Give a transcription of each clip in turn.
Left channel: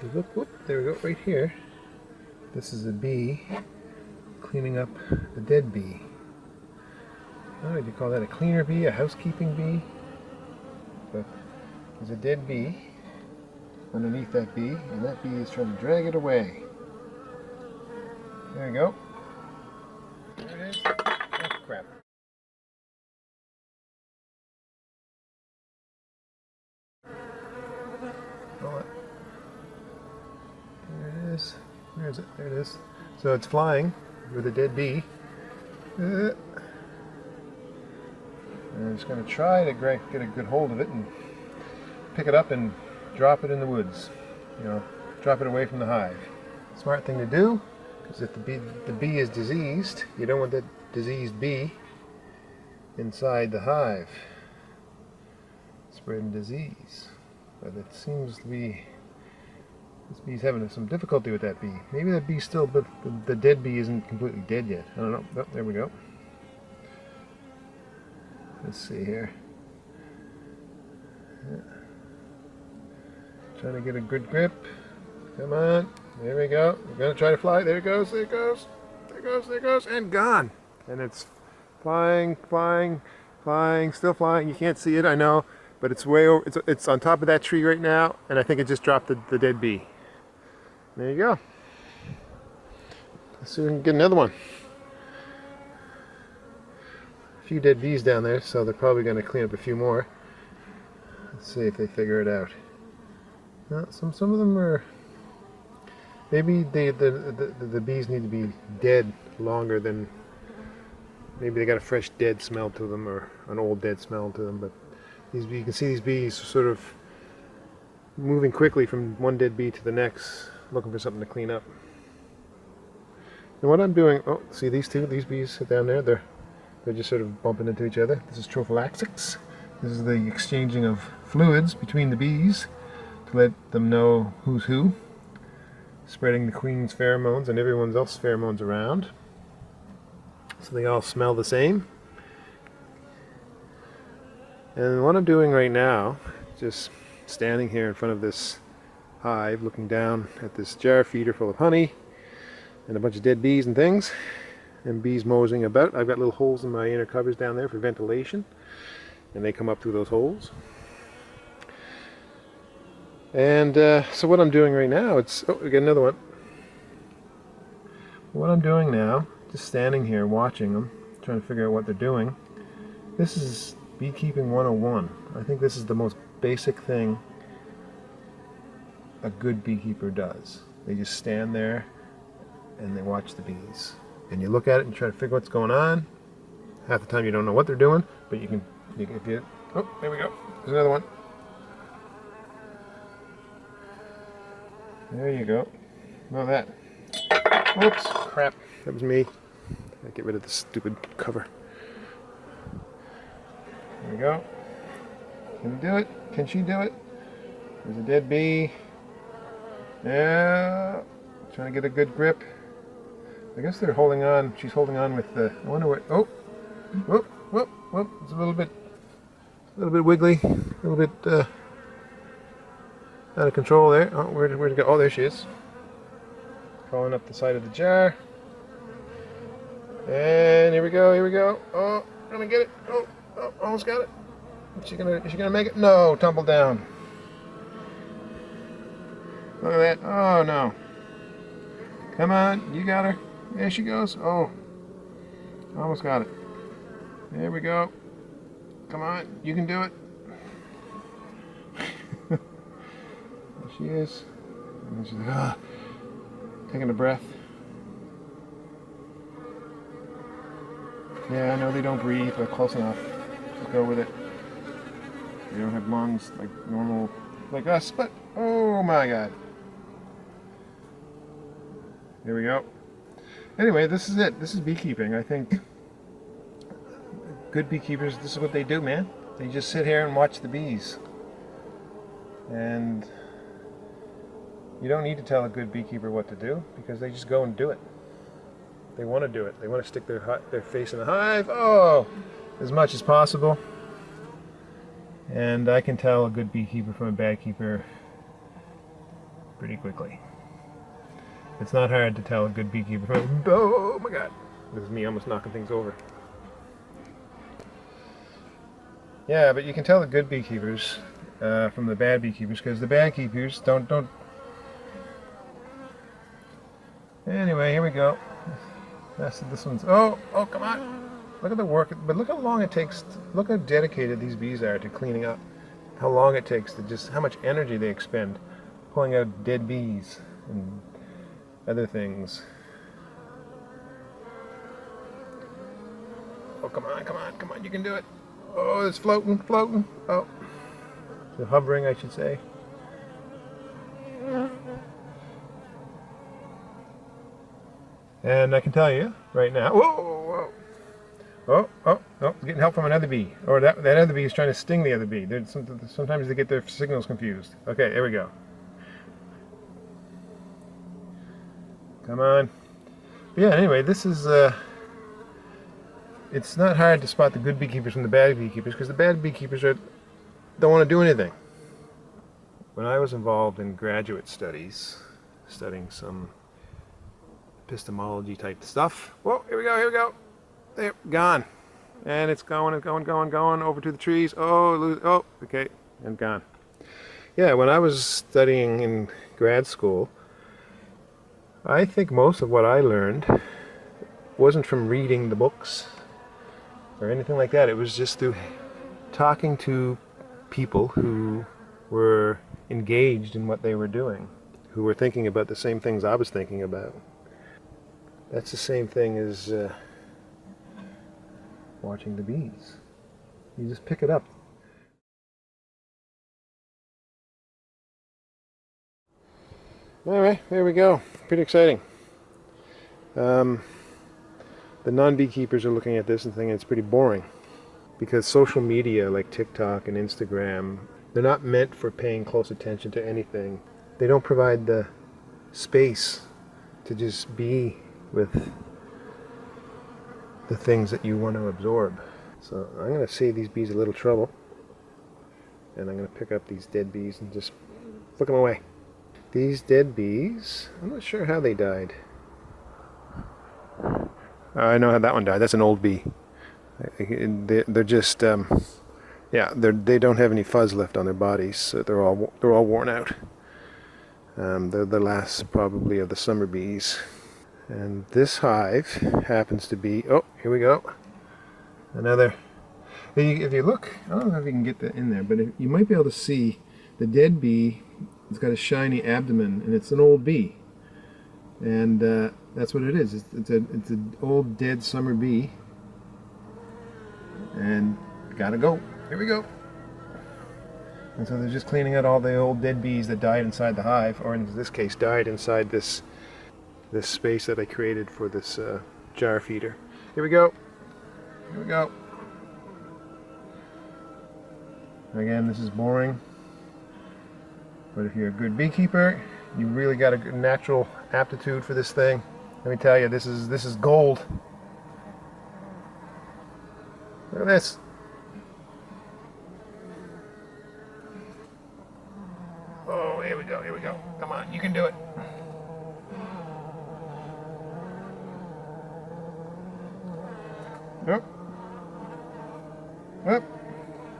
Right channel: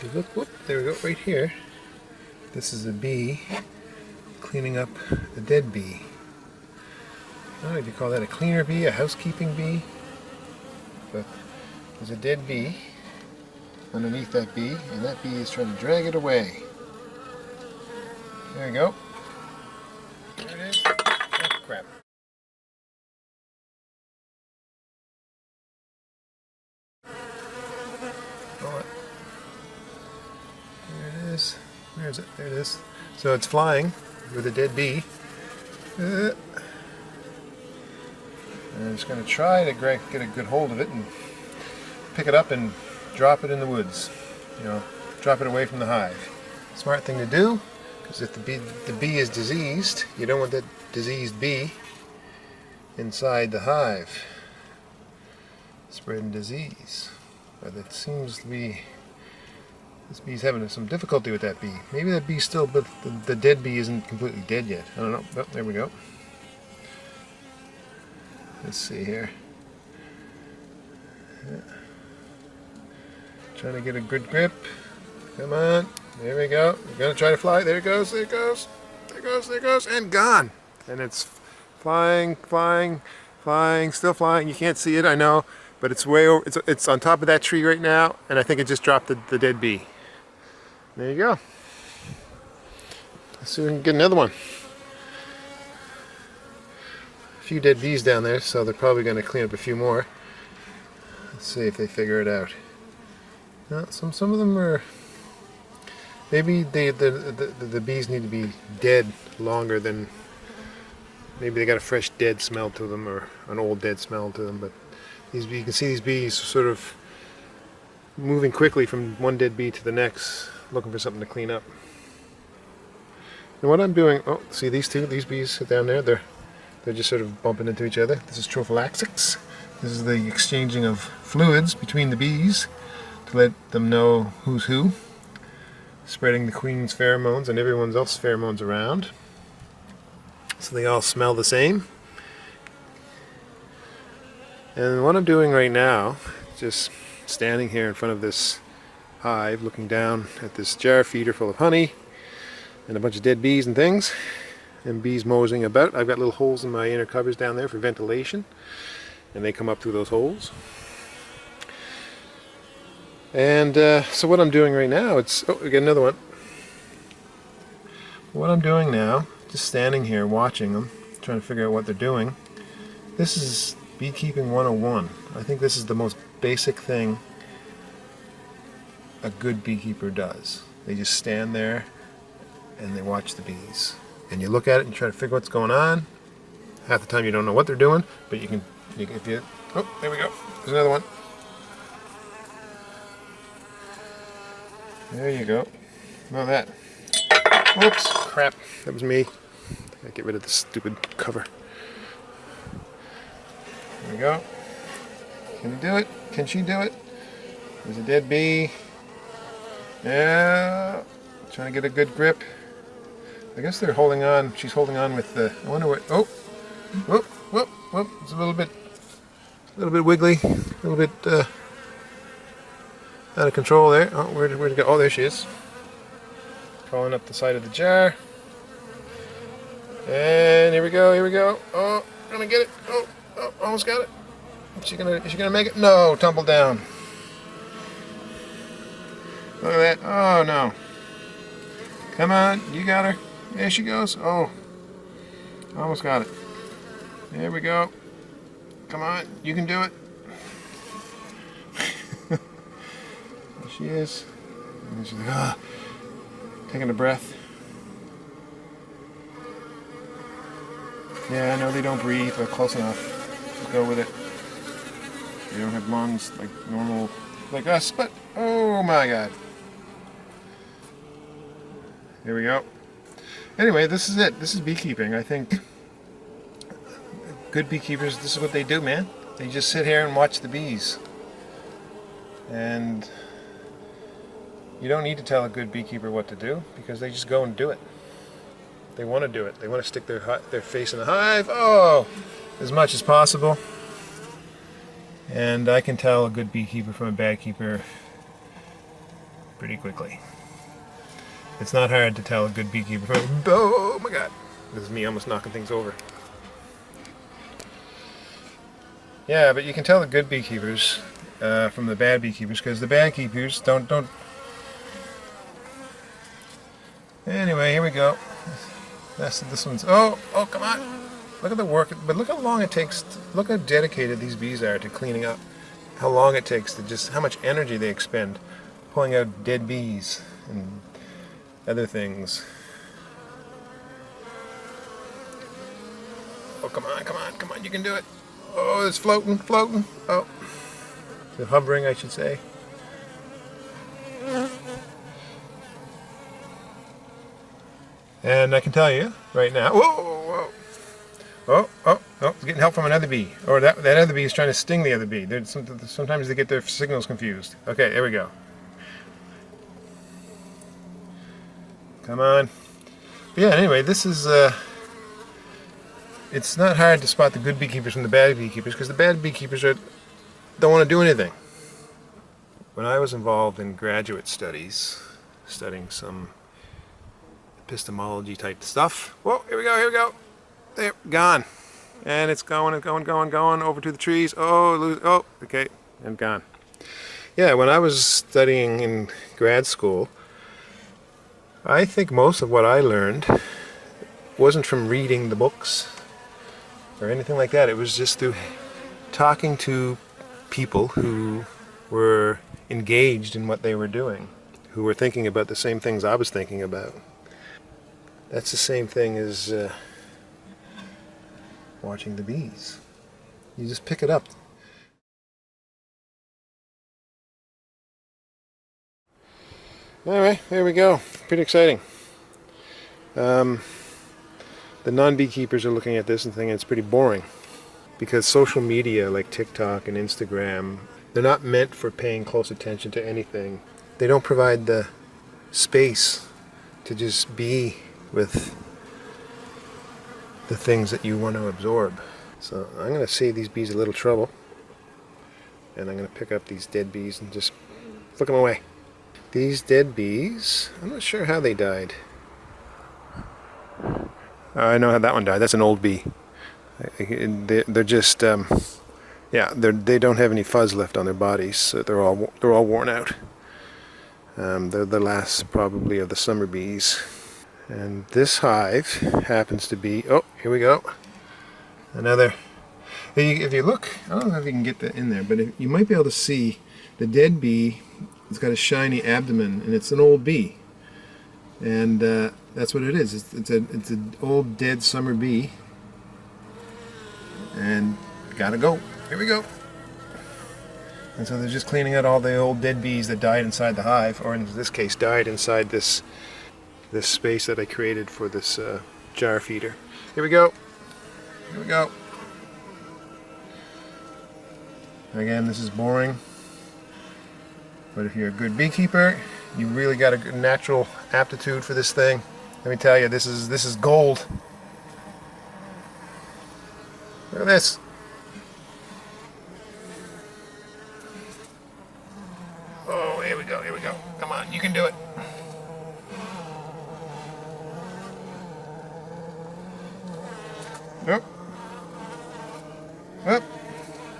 If you look, whoop, there we go, right here. This is a bee cleaning up a dead bee. I don't know if you call that a cleaner bee, a housekeeping bee. But there's a dead bee underneath that bee, and that bee is trying to drag it away. There you go. There it is. Oh, crap. Oh, there it is. Where is it? There it is. So it's flying with a dead bee. And I'm just going to try to get a good hold of it and pick it up and drop it in the woods. You know, drop it away from the hive. Smart thing to do, because if the bee is diseased, you don't want that diseased bee inside the hive spreading disease. But it seems to be this bee's having some difficulty with that bee. Maybe that bee's still, but the dead bee isn't completely dead yet. I don't know. Oh, there we go. Let's see here. Yeah. Trying to get a good grip. Come on. There we go. We're going to try to fly. There it goes. There it goes. There it goes. There it goes. And gone. And it's flying, flying, flying, still flying. You can't see it, I know. But it's way over. It's on top of that tree right now. And I think it just dropped the dead bee. There you go. Let's see if we can get another one. A few dead bees down there, so they're probably going to clean up a few more. Let's see if they figure it out. No, some of them are. Maybe the bees need to be dead longer than. Maybe they got a fresh dead smell to them, or an old dead smell to them. But these you can see these bees sort of moving quickly from one dead bee to the next, looking for something to clean up. And what I'm doing, oh, see these bees down there, they're just sort of bumping into each other. This is trophallaxis. This is the exchanging of fluids between the bees to let them know who's who, spreading the queen's pheromones and everyone else's pheromones around, so they all smell the same. And what I'm doing right now, just standing here in front of this hive, looking down at this jar feeder full of honey and a bunch of dead bees and things, and bees moseying about. I've got little holes in my inner covers down there for ventilation, and they come up through those holes. And so what I'm doing right now, we got another one. What I'm doing now, just standing here watching them, trying to figure out what they're doing. This is Beekeeping 101. I think this is the most basic thing a good beekeeper does. They just stand there and they watch the bees. And you look at it and try to figure what's going on. Half the time you don't know what they're doing, but oh, there we go. There's another one. There you go. Look at that. Whoops, crap. That was me. I gotta get rid of this stupid cover. There we go. Can you do it? Can she do it? There's a dead bee. Yeah. Trying to get a good grip. I guess they're holding on. She's holding on with the. I wonder what. Oh, whoop, whoop, whoop. It's a little bit wiggly, a little bit out of control there. Oh, where'd it go? Oh, there she is. Crawling up the side of the jar. And here we go. Here we go. Oh, gonna get it. Oh, almost got it. Is she gonna make it? No, tumble down. Look at that. Oh no. Come on, you got her. There she goes. Oh, almost got it. There we go. Come on, you can do it. There she is. And she's like, taking a breath. Yeah, I know they don't breathe, but close enough. Just go with it. They don't have lungs like normal, like us, but oh my god. Here we go. Anyway, this is it. This is beekeeping. I think good beekeepers, this is what they do, man. They just sit here and watch the bees. And you don't need to tell a good beekeeper what to do, because they just go and do it. They want to do it. They want to stick their face in the hive, as much as possible. And I can tell a good beekeeper from a bad keeper pretty quickly. It's not hard to tell a good beekeeper from, oh my god, this is me almost knocking things over. Yeah, but you can tell the good beekeepers from the bad beekeepers, because the bad keepers don't. Anyway, here we go. This one's. Oh, come on! Look at the work, but look how long it takes. Look how dedicated these bees are to cleaning up. How long it takes to just how much energy they expend pulling out dead bees and other things. Oh, come on! You can do it. Oh, it's floating. Oh, it's hovering, I should say. And I can tell you right now. Whoa! Oh! It's getting help from another bee, or that other bee is trying to sting the other bee. Sometimes they get their signals confused. Okay, there we go. Come on. But yeah. Anyway, this is. It's not hard to spot the good beekeepers from the bad beekeepers, because the bad beekeepers don't want to do anything. When I was involved in graduate studies, studying some epistemology type stuff. Whoa, here we go. There, gone. And it's going over to the trees. Oh, okay, and gone. Yeah, when I was studying in grad school, I think most of what I learned wasn't from reading the books or anything like that. It was just through talking to people who were engaged in what they were doing, who were thinking about the same things I was thinking about. That's the same thing as watching the bees. You just pick it up. Alright, there we go. Pretty exciting. The non-beekeepers are looking at this and thinking it's pretty boring, because social media like TikTok and Instagram, they're not meant for paying close attention to anything. They don't provide the space to just be with the things that you want to absorb. So I'm going to save these bees a little trouble, and I'm going to pick up these dead bees and just flick them away. These dead bees, I'm not sure how they died. I know how that one died. That's an old bee. They're just, they don't have any fuzz left on their bodies. So they're all worn out. They're the last probably of the summer bees. And this hive happens to be, oh, here we go. Another. If you look, I don't know if you can get that in there, but you might be able to see the dead bee. It's got a shiny abdomen, and it's an old bee. And that's what it is. It's an old dead summer bee. And gotta go. Here we go. And so they're just cleaning out all the old dead bees that died inside the hive, or in this case died inside this space that I created for this jar feeder. Here we go. Again, this is boring, but if you're a good beekeeper, you really got a good natural aptitude for this thing. Let me tell you, this is gold. Look at this. Oh, here we go. Come on, you can do it.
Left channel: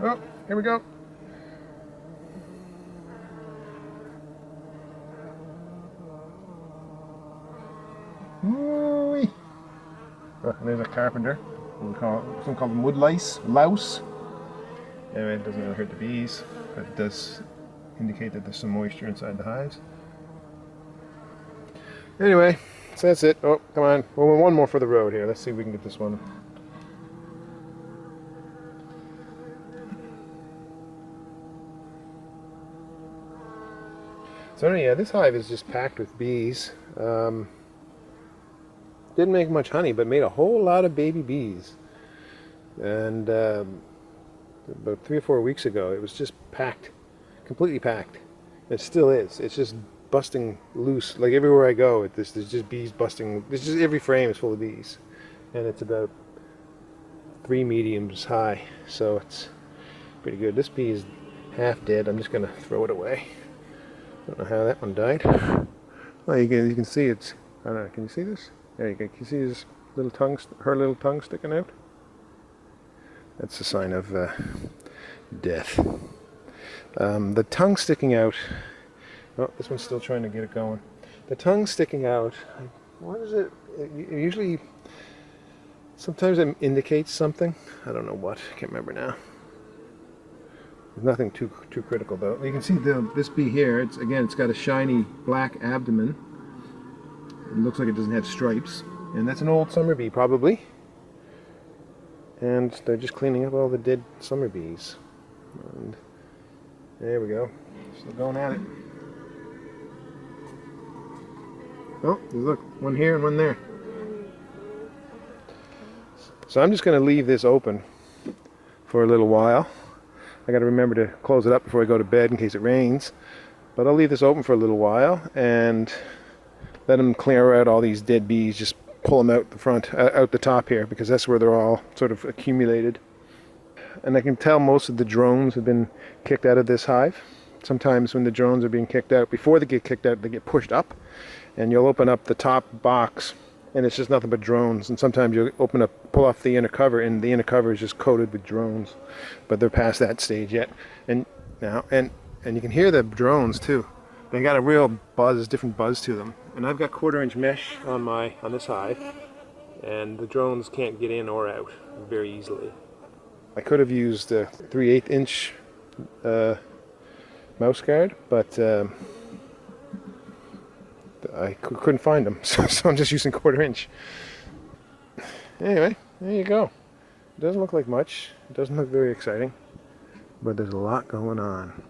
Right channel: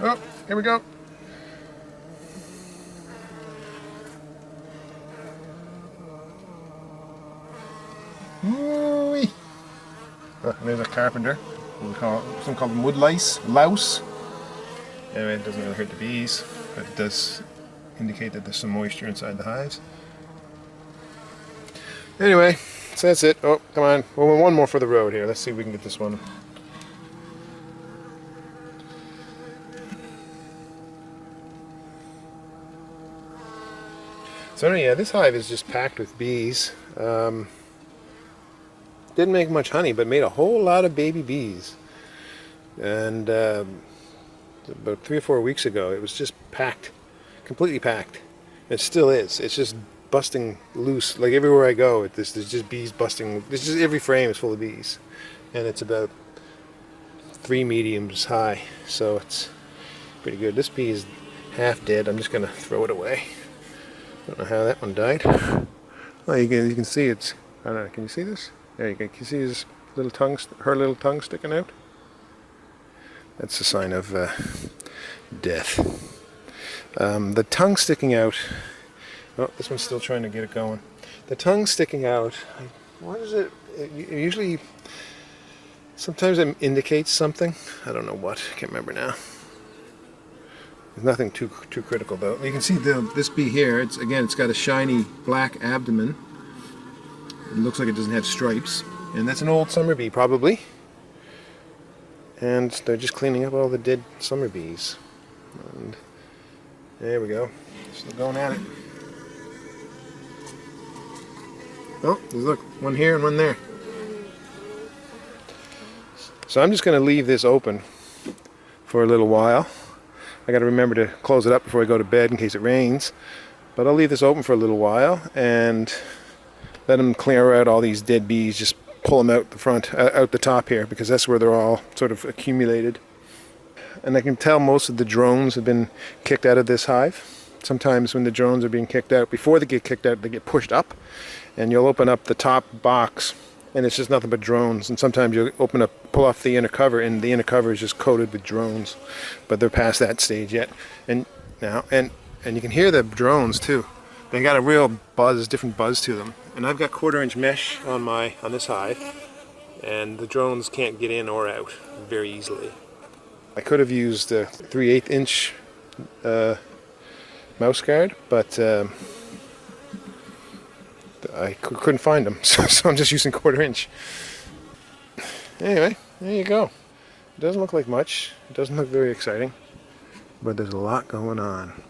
Up. Here we go. Woo-wee. There's a carpenter. Some call them wood louse. Anyway, it doesn't really hurt the bees, but it does indicate that there's some moisture inside the hives. Anyway, so that's it. Oh, come on. Well, one more for the road here. Let's see if we can get this one. So yeah, this hive is just packed with bees. Didn't make much honey, but made a whole lot of baby bees. And about 3 or 4 weeks ago, it was just packed, completely packed. It still is. It's just busting loose. Like everywhere I go, there's just bees busting. There's just every frame is full of bees, and it's about 3 mediums high, so it's pretty good. This bee is half dead. I'm just gonna throw it away. Don't know how that one died. Well, you can see it's. I don't know. Can you see this? There you go. Can you see his little tongue? Her little tongue sticking out. That's a sign of death. The tongue sticking out. Oh, this one's still trying to get it going. The tongue sticking out. What is it? It usually. Sometimes it indicates something. I don't know what. I can't remember now. There's nothing too critical though. You can see this bee here. It's got a shiny black abdomen. It looks like it doesn't have stripes, and that's an old summer bee probably. And they're just cleaning up all the dead summer bees. And there we go. Still going at it. Oh, look, one here and one there. So I'm just going to leave this open for a little while. I got to remember to close it up before I go to bed in case it rains. But I'll leave this open for a little while and let them clear out all these dead bees. Just pull them out the front, out the top here, because that's where they're all sort of accumulated. And I can tell most of the drones have been kicked out of this hive. Sometimes when the drones are being kicked out, before they get kicked out, they get pushed up, and you'll open up the top box, and it's just nothing but drones. And sometimes you'll pull off the inner cover, and the inner cover is just coated with drones. But they're past that stage yet. And now, and you can hear the drones too. They got a real buzz, different buzz to them. And I've got 1/4 inch mesh on this hive, and the drones can't get in or out very easily. I could have used a 3/8 inch mouse guard, but I couldn't find them, so I'm just using 1/4 inch. Anyway, there you go. It doesn't look like much. It doesn't look very exciting, but there's a lot going on.